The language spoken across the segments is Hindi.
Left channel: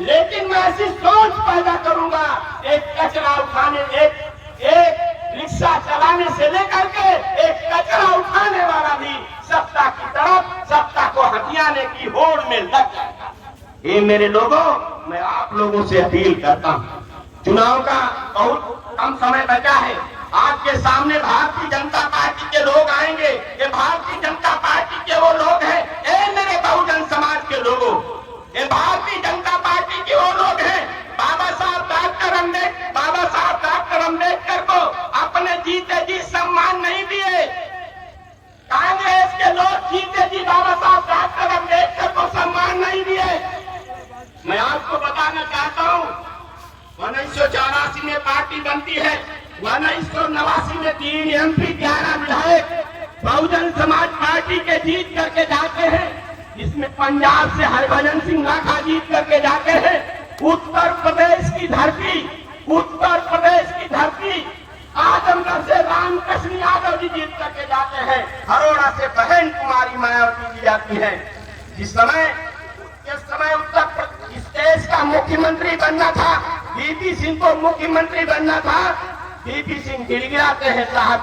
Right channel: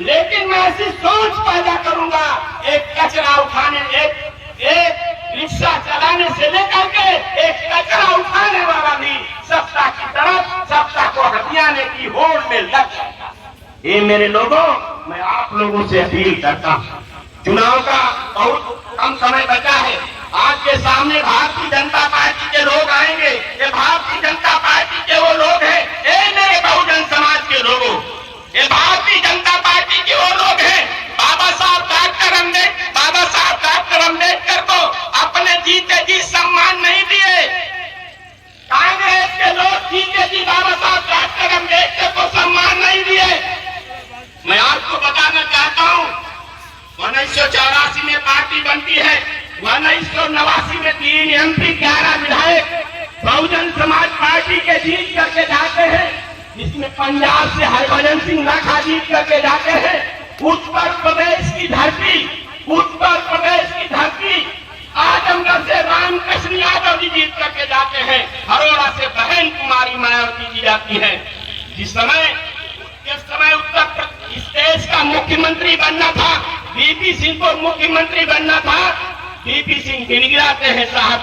लेकिन मैं ऐसी सोच पैदा करूंगा, एक कचरा उठाने, एक रिक्शा चलाने से लेकर के एक कचरा उठाने वाला भी सत्ता की तरफ, सत्ता को हथियाने की होड़ में लग जाएगा। ये मेरे लोगों, मैं आप लोगों से अपील करता हूँ, चुनाव का बहुत कम समय बचा है। आपके सामने भारतीय जनता पार्टी के लोग आएंगे। ये भारतीय जनता पार्टी के वो लोग हैं, ये मेरे बहुजन समाज के लोगों, ये भारतीय जनता पार्टी के वो लोग हैं। बाबा साहब डॉक्टर अम्बेडकर को अपने जीते जी सम्मान नहीं दिए। कांग्रेस के लोग जीते जी बाबा साहब डॉक्टर अम्बेडकर को सम्मान नहीं दिए। मैं आपको बताना चाहता हूँ, 1984 में पार्टी बनती है, 1989 में 3 MP 11 विधायक बहुजन समाज पार्टी के जीत करके जाते हैं, जिसमें पंजाब से हरभजन सिंह राठा जीत करके जाते हैं। उत्तर प्रदेश की धरती आजमगढ़ से रामकृष्ण यादव जी जीत करके जाते हैं। हरोड़ा से बहन कुमारी मायावती जी जाती है। जिस समय इस देश का मुख्यमंत्री बनना था, VP सिंह को मुख्यमंत्री बनना था, VP सिंह गिड़गिड़ाते हैं साहब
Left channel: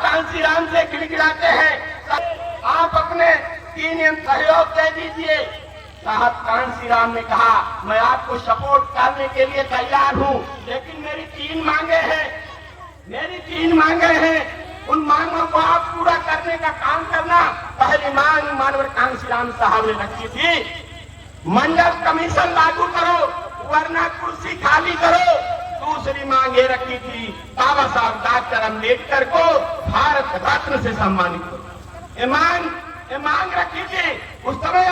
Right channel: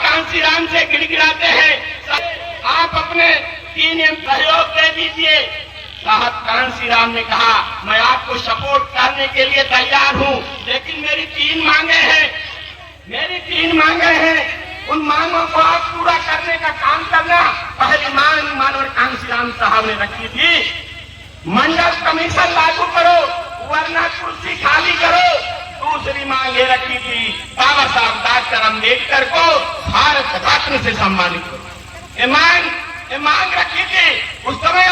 कांसीराम से गिड़गिड़ाते हैं, आप अपने 3 MP सहयोग दे दीजिए। साहब कांसीराम ने कहा, मैं आपको सपोर्ट करने के लिए तैयार हूं, लेकिन मेरी 3 मांगे हैं। उन मांगों को आप पूरा करने का काम करना। पहली मांग मानवर कांसीराम साहब ने रखी थी, मंडल कमीशन लागू करो वरना कुर्सी खाली करो। दूसरी मांग ये रखी थी, बाबा साहब डॉक्टर अम्बेडकर को भारत रत्न से सम्मानित करो। ये मांग रखी थी उस समय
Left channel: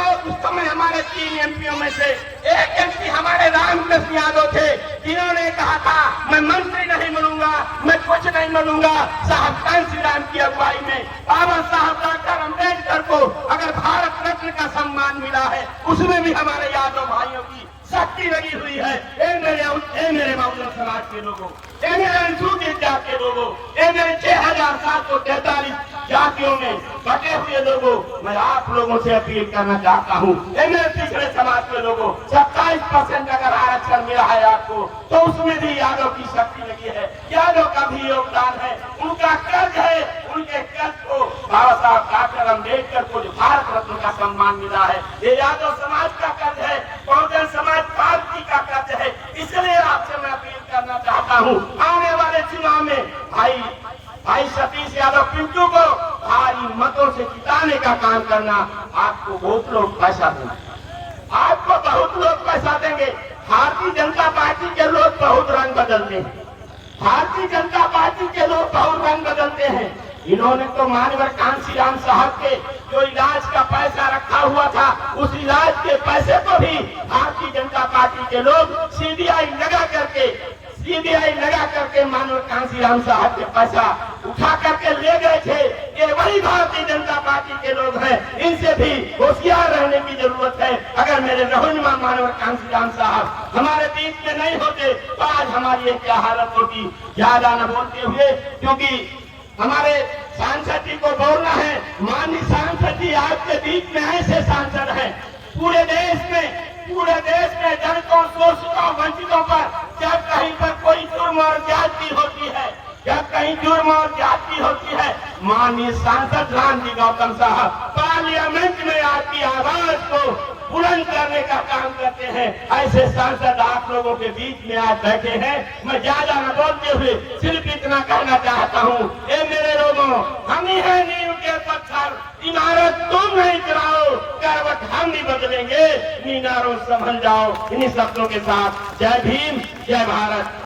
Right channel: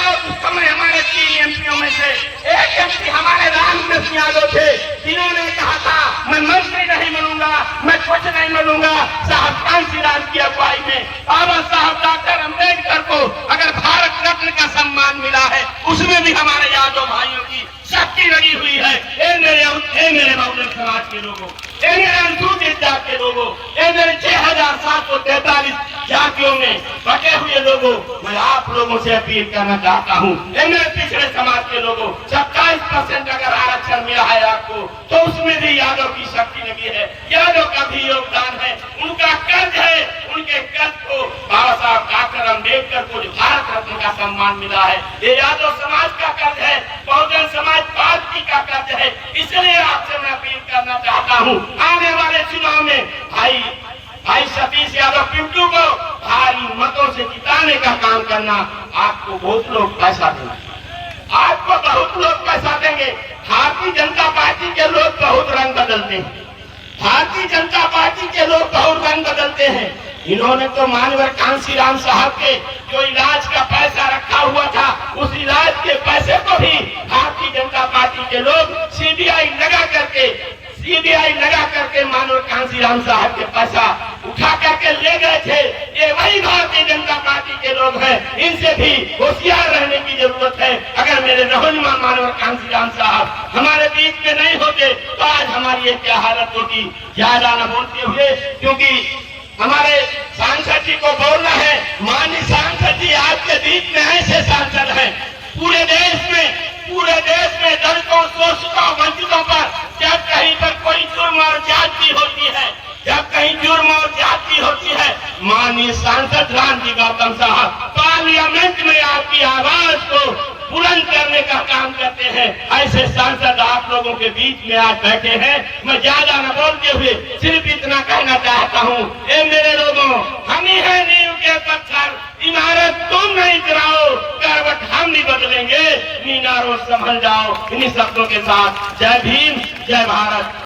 हमारे 3 MPओं में से एक MP हमारे रामकृष्ण यादव थे, जिन्होंने कहा था मैं मंत्री नहीं बनूंगा, मैं कुछ नहीं बनूंगा। साहब कांसीराम की अगुवाई में बाबा साहब डॉक्टर अम्बेडकर को अगर भारत रत्न का सम्मान मिला है, उसमें भी हमारे यादव भाइयों की शक्ति लगी हुई है। ए मेरे बहुजन समाज के लोगों, ए मेरे अनुसूचित जाति के लोगों, ए मेरे 6743 जातियों में बटे हुए लोगों, मैं आप लोगों से अपील करना चाहता हूँ। ए मेरे पिछड़े समाज के लोगों, 27% अगर आरक्षण मिला है आपको, तो उसमें भी यादव की शक्ति लगी है, यादव का भी योगदान है, उनका कर्ज है। उनके कर्ज को बाबा साहब डॉक्टर अम्बेडकर को जो भारत रत्न का सम्मान मिला है, ये यादव समाज का कर्ज है, बहुजन समाज पार्टी का कर्ज है। इसलिए आपसे मैं अपील करना चाहता हूँ, आने वाले चुनाव में भाई सतीश यादव पिंटू को भारी मतों से जिताने का काम करना। आपको बहुत लोग पैसा देंगे, भारतीय जनता पार्टी के लोग बहुत रंग बदलते हैं, इन्होंने तो मानवर कांसीराम साहब के जो इलाज का पैसा रखा हुआ था, उस इलाज के पैसे को भी भारतीय जनता पार्टी के लोग सीबीआई लगा करके मानवर कांसीराम साहब के पैसा उठा करके ले गए थे। ये वही भारतीय जनता पार्टी के लोग हैं, इनसे भी होशियार रहने की जरूरत है। अगर मेरे रहनुमा मानवर कांसीराम साहब हमारे बीच में नहीं होते तो आज हमारी ये क्या हालत होती। ज्यादा न बोलते हुए, क्योंकि हमारे सांसद जी को बोलना है। माननीय सांसद जी आपके बीच में ऐसे सांसद हैं, पूरे देश में दलितों, शोषितों, वंचितों पर जब कहीं पर कोई जुर्म और ज्यादती होती है, माननीय सांसद रामजी गौतम साहब पार्लियामेंट में आपकी आवाज को बुलंद करने का काम करते हैं। ऐसे सांसद आप लोगों के बीच में आज बैठे हैं। मैं ज्यादा न बोलते हुए सिर्फ इतना कहना चाहता हूँ, ए मेरे लोगों, हम ही है नींव के पत्थर, इमारत तुम नहीं गिराओ, करवट हम नहीं बदलेंगे, मीनारों संभल जाओ। इन्हीं शब्दों के साथ जय भीम, जय भारत।